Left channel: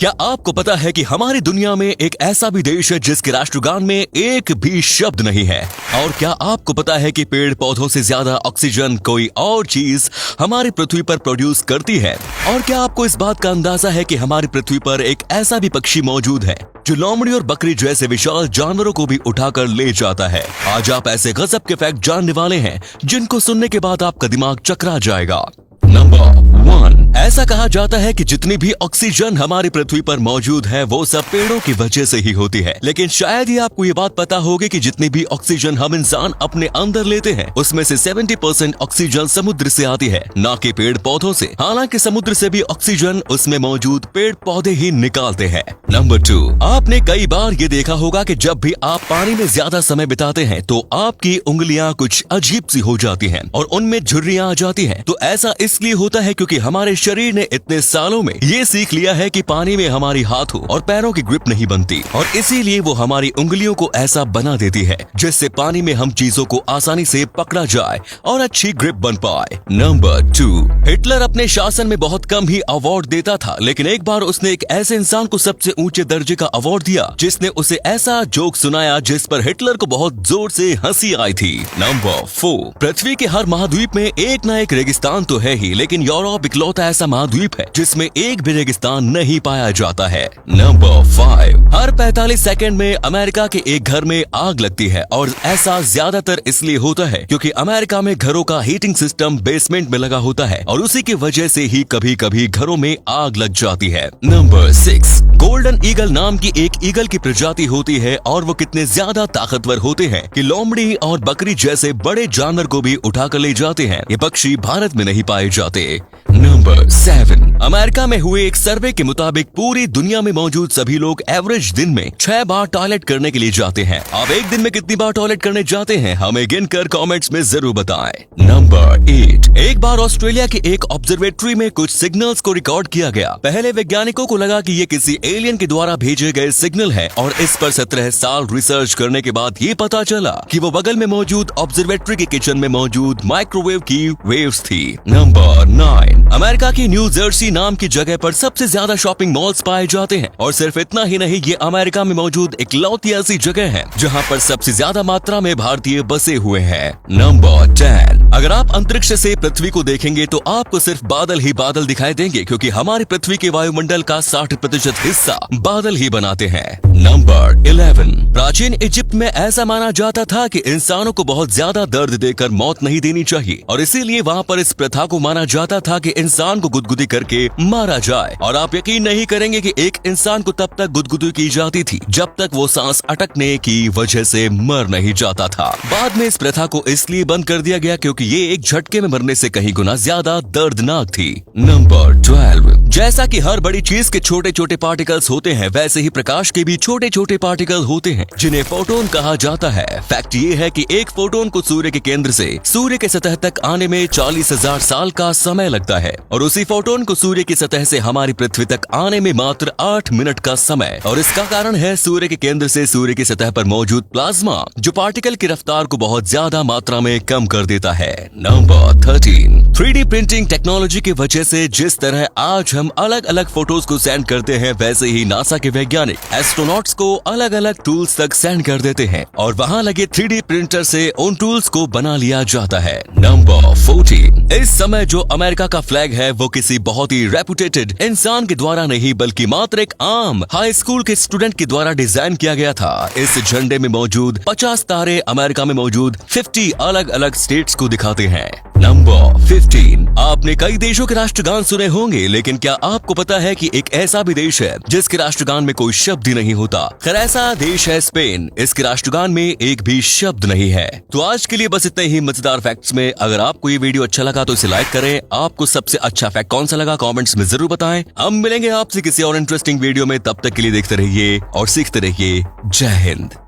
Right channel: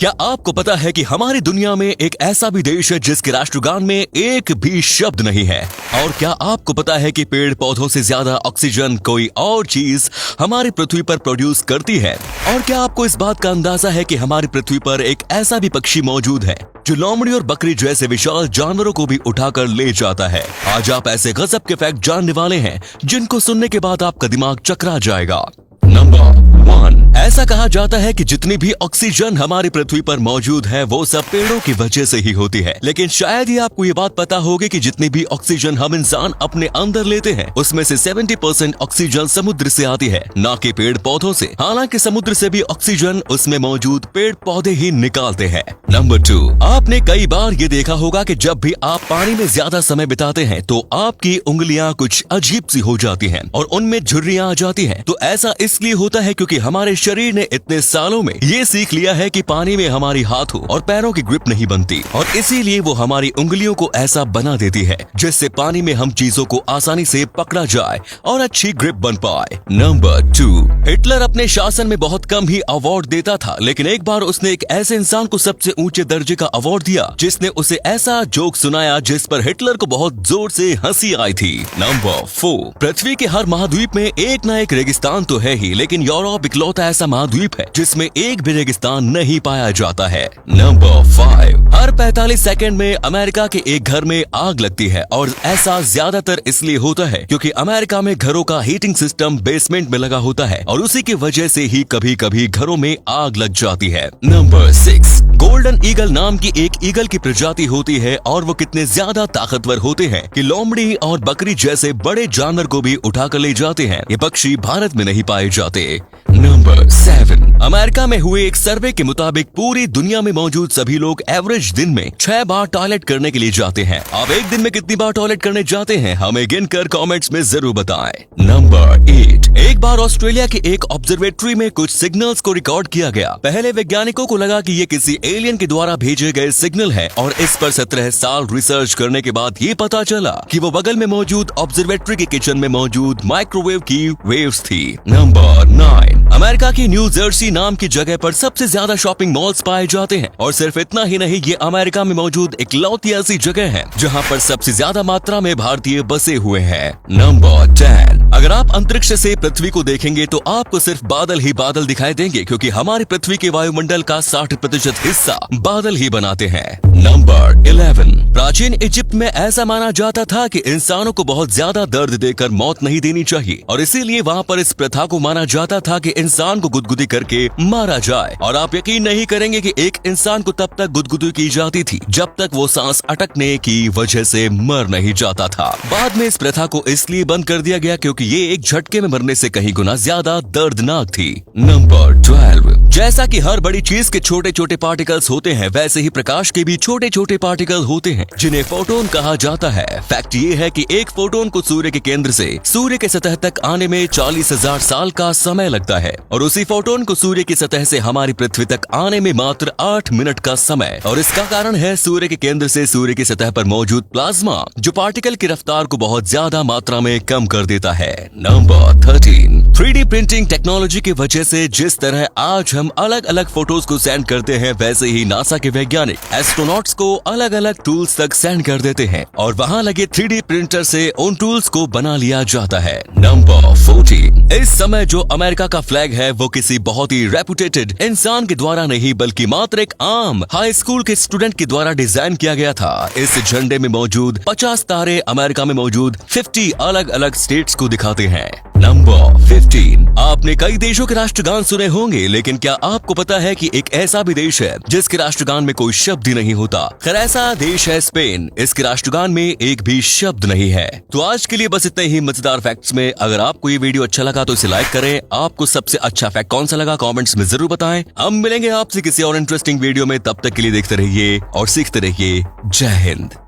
क्या आपको पता है कि हमारी दुनिया में एक ऐसा भी देश है जिसके राष्ट्रगान में एक भी शब्द नहीं है? और क्या आपको पता है कि पेड़ पौधों से ज्यादा ऑक्सीजन कोई और चीज हमारी पृथ्वी पर प्रोड्यूस करती है? और क्या आपको इस बात का अंदाजा है कि हमारी पृथ्वी पर एक ऐसा भी पक्षी मौजूद है जो लोमड़ी और बकरी जैसे विशाल जानवरों को भी उठाकर ले जाता है? आज आप ऐसे गजब के फैक्ट जानने वाले हैं जिनको सुनने के बाद आपका दिमाग चकरा जाएगा। नंबर 1, ऐसा कहा जाता है कि जितनी भी ऑक्सीजन हमारी पृथ्वी पर मौजूद है वो सब पेड़ों की वजह से ही होती है। लेकिन शायद ही आपको ये बात पता होगी कि जितनी भी ऑक्सीजन हम इंसान अपने अंदर लेते हैं उसमें से 70% ऑक्सीजन समुद्र से आती है, ना कि पेड़ पौधों से। हालांकि समुद्र से भी ऑक्सीजन उसमें मौजूद पेड़ पौधे ही निकालते हैं। नंबर 2, आपने कई बार ये देखा होगा कि जब भी आप पानी में ज्यादा समय बिताते हैं तो आपकी उंगलियां कुछ अजीब सी हो जाती हैं और उनमें झुर्रियां आ जाती हैं। तो ऐसा इसलिए होता है क्योंकि हमारे शरीर ने इतने सालों में ये सीख लिया है कि पानी में हमारी हाथों और पैरों की ग्रिप नहीं बनती और इसीलिए वो हमारी उंगलियों को ऐसा बना देती है जिससे पानी में हम चीजों को आसानी से पकड़ा जाए और अच्छी ग्रिप बन पाए। नंबर 2, हिटलर अपने शासन में बहुत कम ही अवार्ड देता था, लेकिन एक बार उसने एक ऐसे इंसान को सबसे ऊंचे दर्जे का अवार्ड दिया जिसने उसे ऐसा जोक सुनाया जिस पर हिटलर को बहुत जोर से हंसी आई थी। नंबर 4, पृथ्वी के हर महाद्वीप में एक न एक रेगिस्तान तो है ही, लेकिन यूरोप इकलौता ऐसा महाद्वीप है जिसमें एक भी रेगिस्तान नहीं पाया जाता है। नंबर 5, हर 45 सेकंड में अमेरिका के एक घर में आग लगती है और ऐसा ज्यादातर इसलिए होता है क्योंकि अमेरिका में घरों का हीटिंग सिस्टम बेसमेंट में लगा होता है और उसी की वजह से ही कभी कभी घरों में आग लग जाती है। नंबर 6, गोल्डन ईगल नाम की एक ईगल की प्रजाति होती है और वो कितने ज्यादा ताकतवर होते हैं कि लोमड़ी और बकरी जैसे बड़े जानवर को भी उठाकर ले जाते हैं। ये पक्षी भारत में नहीं पाए जाते। नंबर 7, अमेरिका में हुए एक सर्वे के मुताबिक पूरी दुनिया में मौजूद सभी लोग एवरेज दिन में 6 बार टॉयलेट करने के लिए जाते हैं। आप एक दिन में कितनी बार टॉयलेट करने जाते हैं हमें गिनकर कमेंट्स में जरूर बताएं। नंबर 8, एक बार ऑस्ट्रेलिया के एक ऑब्जर्वेटरी में कुछ सिग्नल्स को रिकॉर्ड किया गया। पहले वैज्ञानिकों को लगा कि ये किसी एलियन के द्वारा भेजे गए सिग्नल है और इस पर 17 साल रिसर्च करने के बाद ये पता चला कि वो बगल में मौजूद ऑब्जर्वेटरी के किचन में मौजूद माइक्रोवेव की वेव्स थी। नंबर 9, अमेरिका की न्यू जर्सी नाम की जगह पर सबसे ज्यादा शॉपिंग मॉल्स पाए जाते हैं और सिर्फ इतना ही नहीं, ये अमेरिका में मौजूद इकलौती ऐसी जगह है जहां पर सबसे ज्यादा मात्रा में भारतीय बसे हुए हैं। नंबर 10, अगर आप अंतरिक्ष से पृथ्वी को देखेंगे तो आपको सिर्फ बादल ही बादल दिखाई देंगे क्योंकि हमारी पृथ्वी के वायुमंडल का 60% हिस्सा बादल ही बनाते हैं। नंबर 11, प्राचीन इजिप्ट में ऐसा माना जाता था कि इंसानों को बहुत ज्यादा दर्द देकर मौत नहीं देनी चाहिए और इसीलिए वहाँ पर इस प्रथा को माना जाता था कि इंसान को गुदगुदी करके मारा जाए। और आप यकीन नहीं करेंगे कि एक इंसान को तब तक गुदगुदी की जाती थी जब तक वो सांस अटकने की वजह से मर नहीं जाता था। बाद में इस प्रथा को इसलिए बंद कर दिया गया क्योंकि ये एक झटके में मरने से कहीं गुना ज्यादा दर्दनाक थी। नंबर 12, जैसा कि हर बड़ी चीज के छोटे छोटे पार्टिकल्स होते हैं वैसे ही प्रकाश के भी छोटे छोटे पार्टिकल होते हैं जिन्हें फोटोन कहा जाता है। फैक्ट ये है कि एक फोटोन को सूर्य के केंद्र से सूर्य के सतह तक आने में 40,000 साल का समय लगता है और उसी फोटोन को सूर्य की सतह से हमारी पृथ्वी तक आने में मात्र 8 मिनट का समय। और इसका कारण है सूर्य के केंद्र से सूर्य की सतह पर मौजूद प्लाज्मा जो पार्टिकल की रफ्तार को बहुत ज्यादा मात्रा में कम कर देता है। नंबर 13, 3D प्रिंटिंग टेक्नोलॉजी की वजह से जिस तरह आज हम अलग अलग फोटोज को सेंड करते हैं वैसे ही नासा के वैज्ञानिक एस्ट्रोनॉट्स को अलग अलग टूल्स तक सेंड कर देते हैं और वहाँ लगे 3D प्रिंटर से उन टूल्स को बना लिया जाता है। नंबर 14, इस समय जो अमेरिका का फ्लैग है वो किसी बहुत ही रेपुटेटेड इंसान के द्वारा नहीं बल्कि मात्र एक आम हाई स्कूल के स्टूडेंट के द्वारा डिजाइन किया गया था। इस झंडे में मौजूद 50 तारे अमेरिका में मौजूद 50 अलग अलग स्टेट्स को दिखाते हैं। नंबर 15, आपने कई देशों के राष्ट्रगान सुने होंगे, लेकिन क्या आपको पता है कि एक ऐसा भी देश है जिसके राष्ट्रगान में कोई शब्द ही नहीं होता? खैर ऐसा देश है स्पेन। इसके राष्ट्रगान में एक भी शब्द नहीं है। तो आज के लिए बस इतने ही मजेदार फैक्ट्स में। अगर आपको ये वीडियो अच्छा लगा तो इसे लाइक करें। आपको सबसे अच्छा फैक्ट कौन सा लगा कमेंट्स में जरूर बताएं। हम मिलेंगे आपसे किसी और इंटरेस्टिंग वीडियो में, तब तक के लिए देखते रहिए और सीखते रहिए। जय हिंद।